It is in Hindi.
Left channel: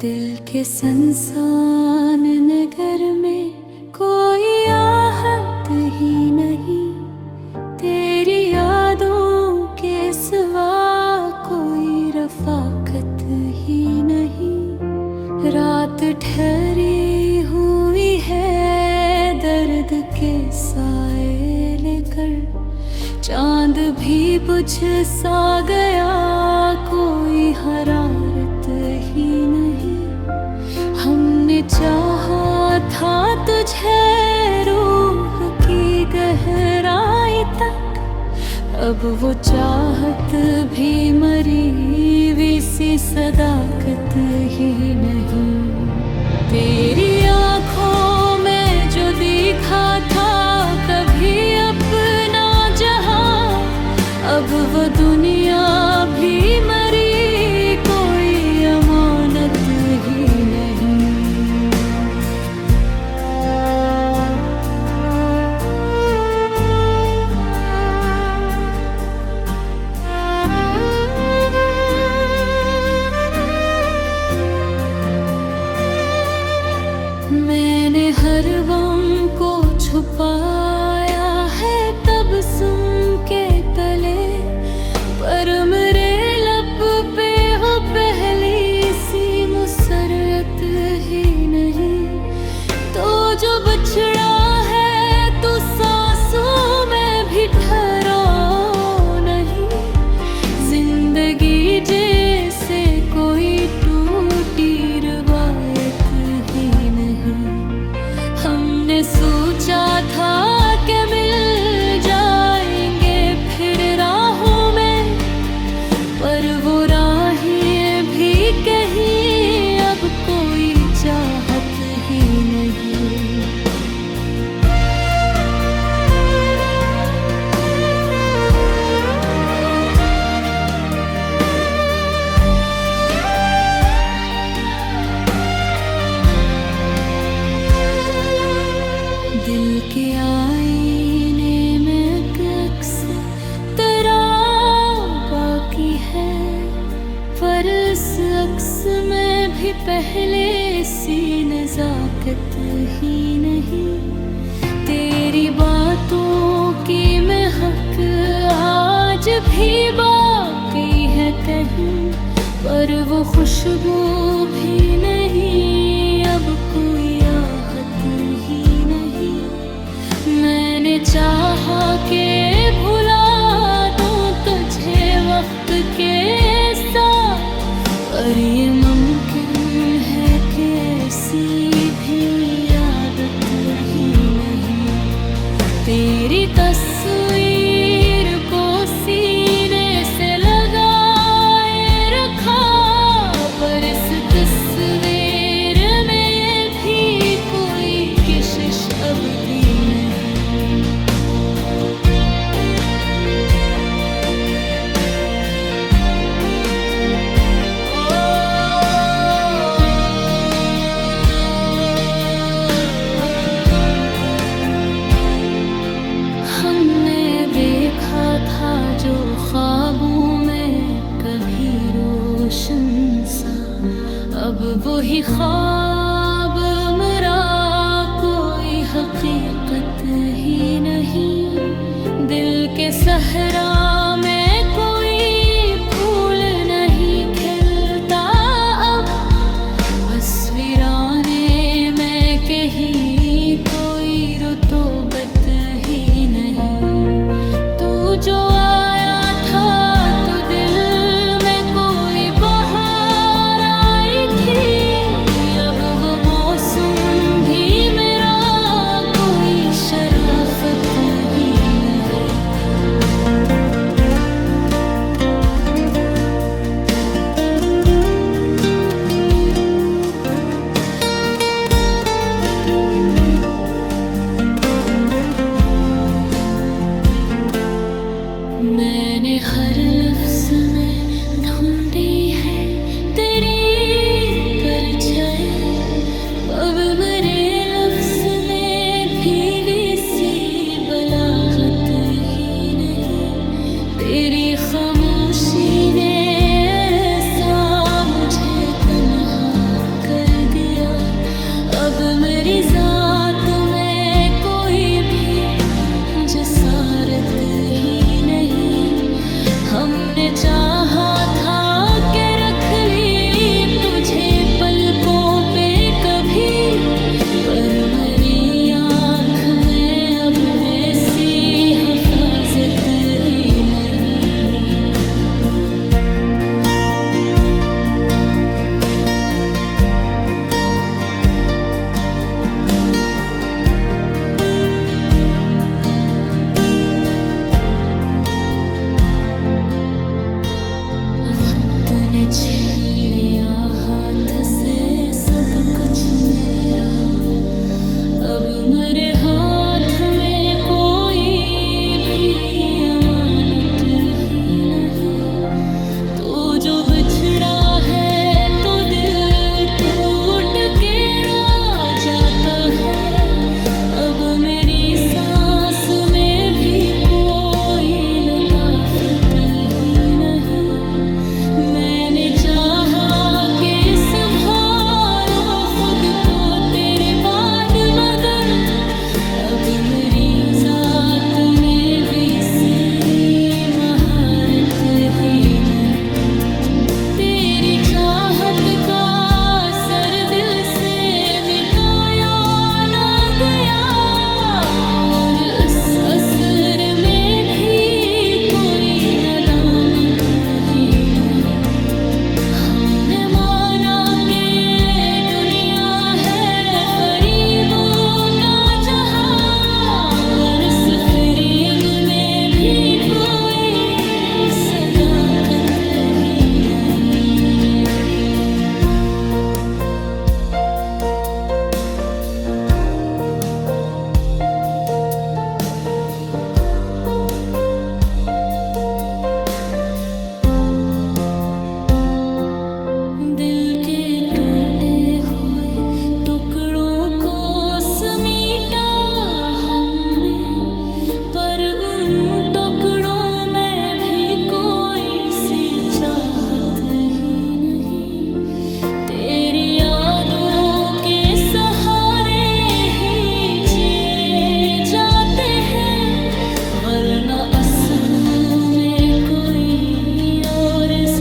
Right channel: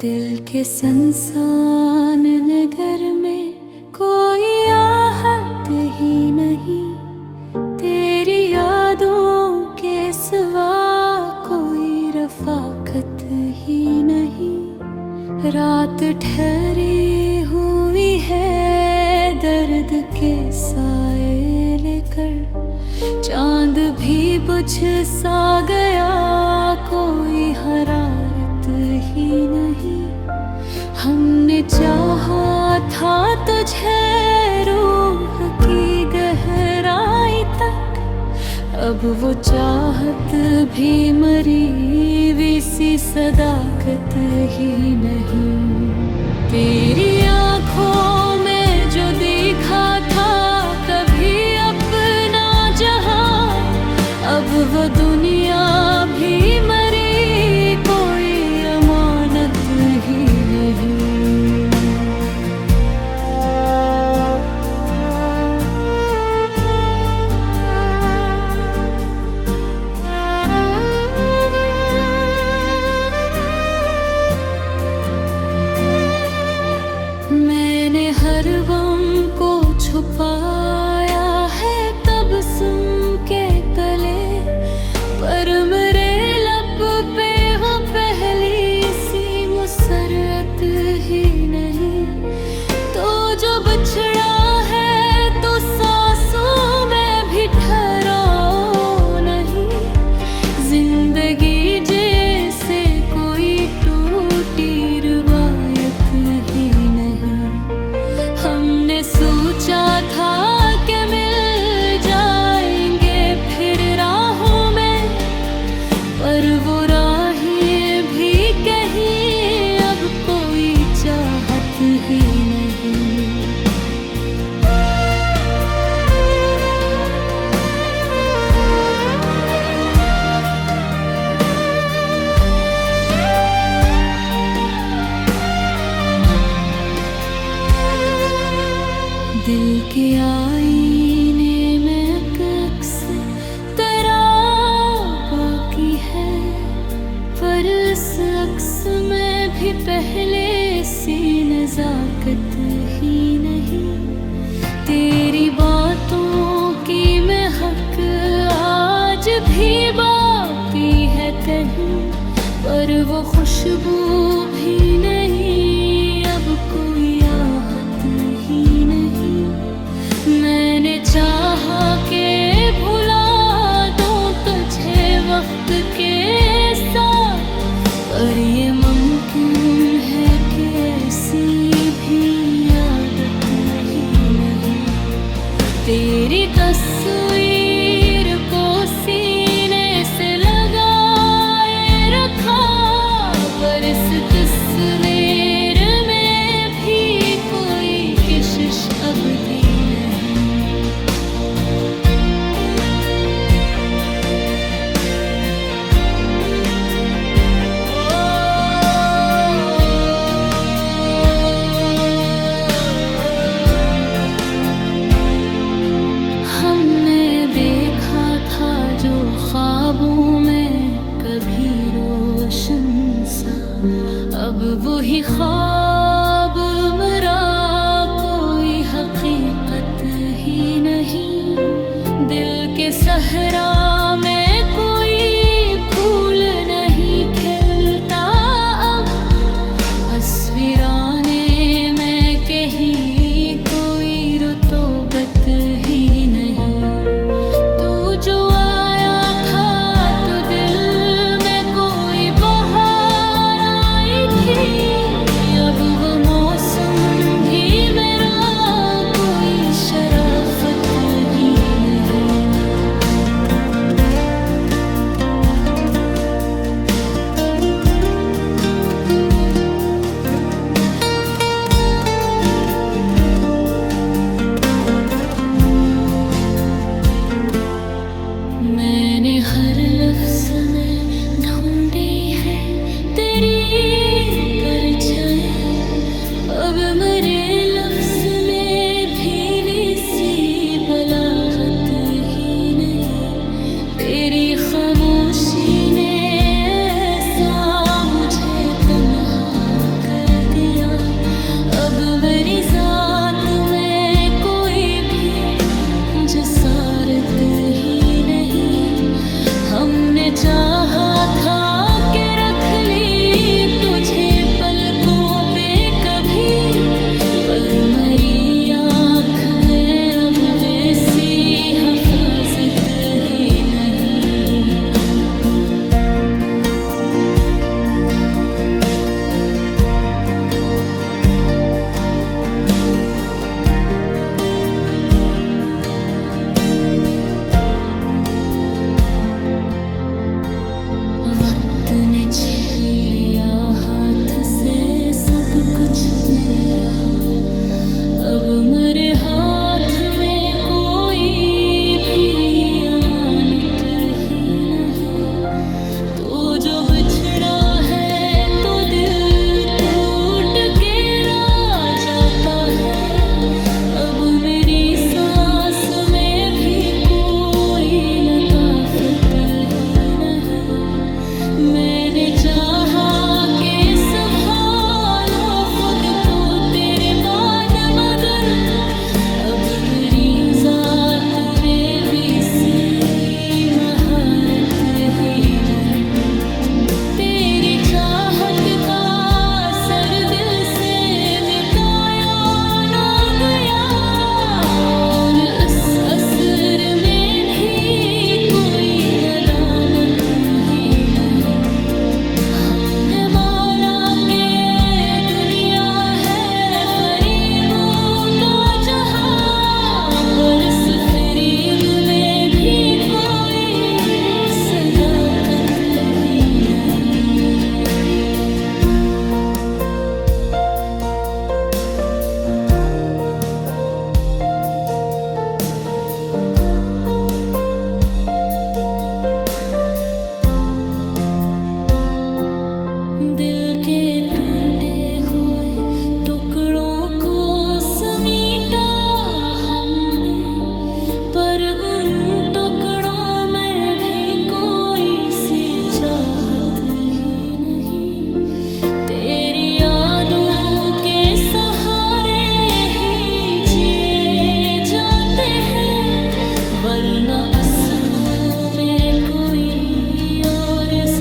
दिल के संसान नगर में कोई आहट ही नहीं, तेरी यादों के सिवा कोई रफाकत ही नहीं। रात ठहरी हुई है दर्द के साए लेकर, चांद भी बुझ सा गया कोई हरारत ही नहीं। हमने चाहा था तुझे रूह की गहराई तक, अब वो चाहत भी मरी हुई सी सदाकत ही नहीं। तेरी आँखों में जो दिखा था कभी अपना जहां, अब वो दुनिया भी मरी कोई अमानत ही नहीं। मैंने हर गम को छुपाया है तबस्सुम के तले, पर मेरे लब पे वो पहली सी मुसर्रत ही नहीं। तो जो बछड़ा है तो सांसों में भी ठहराव नहीं, जिंदगी जैसे कोई टूटी रिवायत ही नहीं। हमने सोचा था कि मिल जाएंगे फिर राहों में, पर वो राहें भी कहीं अब कोई चाहत ही नहीं। दिल के आईने में अक्स तेरा बाकी है, पर इस अक्स में भी पहले सी नजाकत ही नहीं। तेरी बातों की महक आज भी बाकी है कहीं, पर वो खुशबू भी नहीं, अब कोई आहट ही नहीं। मैंने चाहा के भुला दूं तुझे वक्त के साथ, पर ये मुमकिन है कि ऐसी भी आदत ही नहीं। तेरी तस्वीर को सीने से लगाए रखा, पर इस तस्वीर में भी कोई किशिश अब भी नहीं। हमने देखा था जो ख्वाबों में कभी रोशन सा, अब वही ख्वाब मेरा कोई हकीकत ही नहीं। दिल के सहरा में कोई फूल नहीं खिलता अब, अस्वीराने में कहीं कोई रुतबत ही नहीं। तू जो आया था तो दिल में कोई बहार आई थी, अब वो मौसम भी मेरा कोई शराफत ही नहीं। मैंने हर लफ्ज़ में ढूंढी है तेरी परछाई, अब मेरे लफ्ज़ में भी सी बलागत ही नहीं। तेरी खामोशी ने ऐसा मुझे तन्हा अब मेरी जात में कोई भी जसारत ही नहीं। हमने चाहा था कि रख ली तुझे पलकों पे कभी, पर मरी आँख में अब वैसी हिफाजत ही नहीं। वक्त ने छीन लिया हाथ से सब कुछ मेरा, अब मेरे हाथ में कोई भी अमानत ही नहीं। तू जो बिछड़ा है तो दिल टूट के रो जाता है। अब मेरी सांस में भी कोई लताफत ही नहीं। मैंने चाहा कि संभालो खुद को तेरे बाद, मगर अब मेरी जात में भी सी महारत ही नहीं। तेरी चाहत का असर दिल से मिटाया ना गया, और उस असर में भी कोई नदामत ही नहीं। हमने माना कि ये दुनिया है फरीबों का जहां, पर इस फरीब में भी कोई सदाकत ही नहीं। दिल के टूटे हुए टुकड़ों को समेटा हमने, पर उन टुकड़ों में भी कोई सी चाहत ही नहीं। तेरी यादों के सहारे ही जिए जाते हैं, वरना असबों में कोई और इस